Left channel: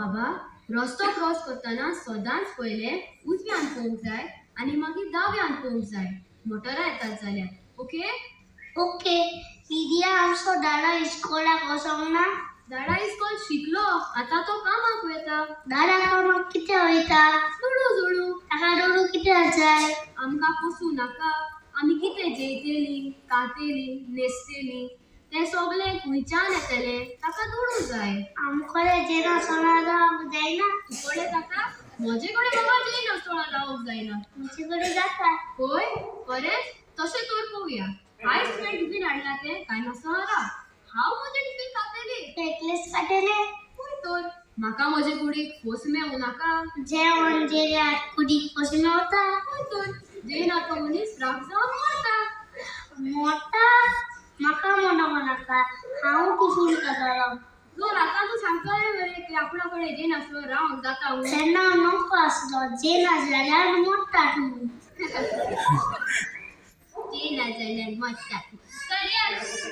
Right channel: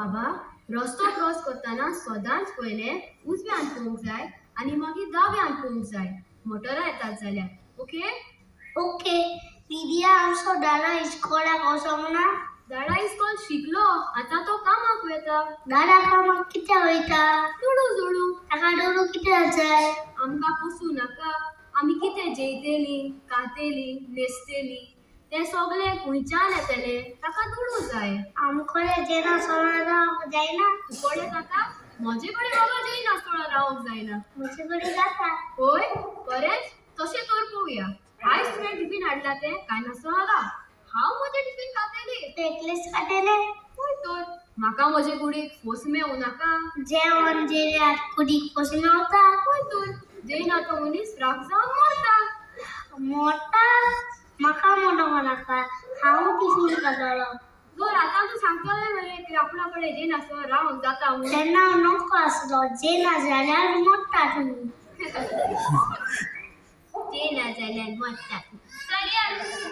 बाबा, रस्तो क्रॉस करताना सदांच पहिले उजव्यान पळोवंक जाय आणि मागीर दाव्यान पळोवंक जाय. मोटरां येतात जाल्यार. ओके? ओके. लिडिया आमचो दादा इस्कोलाक वचोंक ना? दादा इस्कॉल शिकलो, आता तो कामाक वयता. दादा कामाक कित्याक वयता? दुडू जोडू. ताका दोडू कित्याक जाय? आमकां पोसू नाका. आमी कितें जेयतेलीं, खातेलीं, न्हेसतेलीं तें सगळें खंयच्यान येतलें ताका दुडू जाय. आमकोले जेना सोना जावप जायना? तुकोडे जाता? म्हजे कडेन बाबा जेय नासतोळा रावोंक जायना. म्हजे कडेन जाता. होय? खरेंच? तशें तर पळोवया. आयज तुवें टिफीन हाडला तें काय नासतोळा राव. हांव म्हजें टिफीन खातेलें. तूं एकलेच खातेले? होय तर. म्हाका म्हजे कुडीक फोस मेळूं नाका. जेवण जेल्यार कुडीक कशें मेवता? होय तर. जेयना तो मनीस राग जावन मरता. मोटा? म्हाका मोटो नाका. हांव टिफीन खातलों. जर आतां तूं सांगतलें मरे की आपणा कडेन जेय नासतोळा रावंक जाता म्हणून. तेन्ना हांव नॉको आसलो. जेना जाल्यार मोडटा तूं. जेयना जाल्यार मरता. चल या.